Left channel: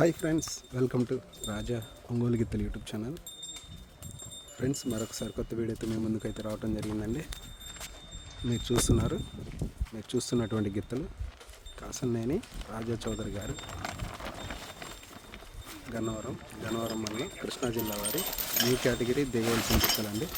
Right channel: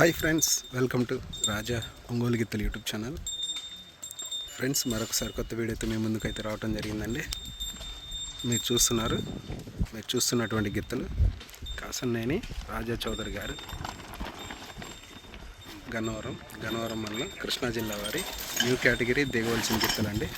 Hi friends welcome to Raja Ongole గిత్తలు YouTube channel. Friends మరొకసారి కొత్త వీడియోతో మేము ముందుకైతే రావడం జరిగిందండి. మీరు చూస్తున్నారు మీరు చూస్తున్నటువంటి గిత్తలు కాసన్నేని రాజా చౌదరి గారు. గన్నవరం గన్నవరం వల్ల కృష్ణా జిల్లా వారి న్యూ కేటగిరీ దిగవలసిన గిత్తలండి.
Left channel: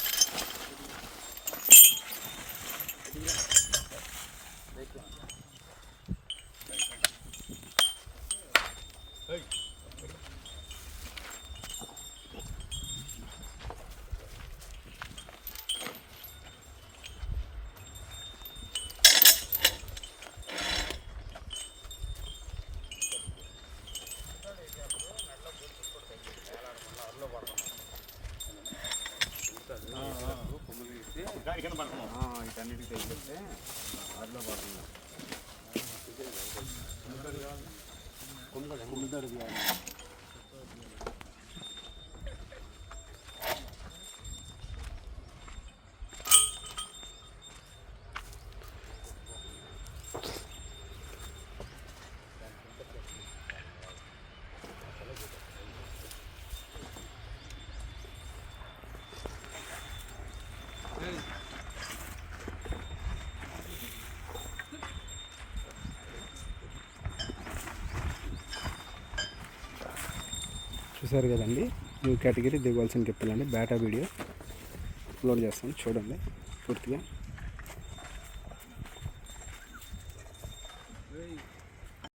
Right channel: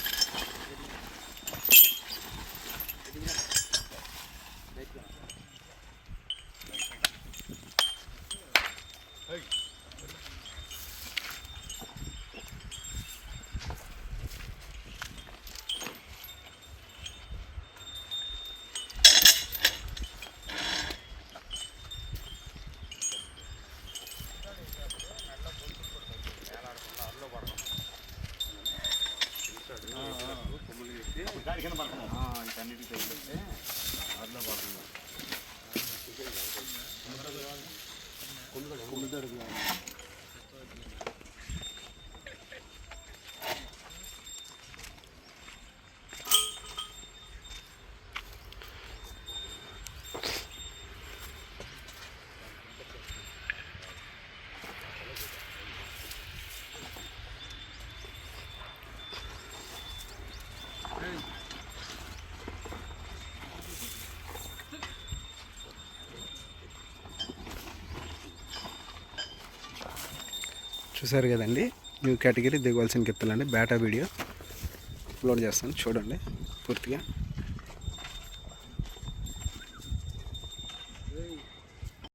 దాని కింద పడుతున్నాం వీటన్నిటికి తగిలితే అట్లా పడుతున్నాం కొండ కొండ చూసారు కదండి. న్యూ కేటగిరీ దిగవలసిన గిత్తలండి బేటా వీడియో అప్లోడ్ చేస్తాను. చూడండి. పూర్తిగా.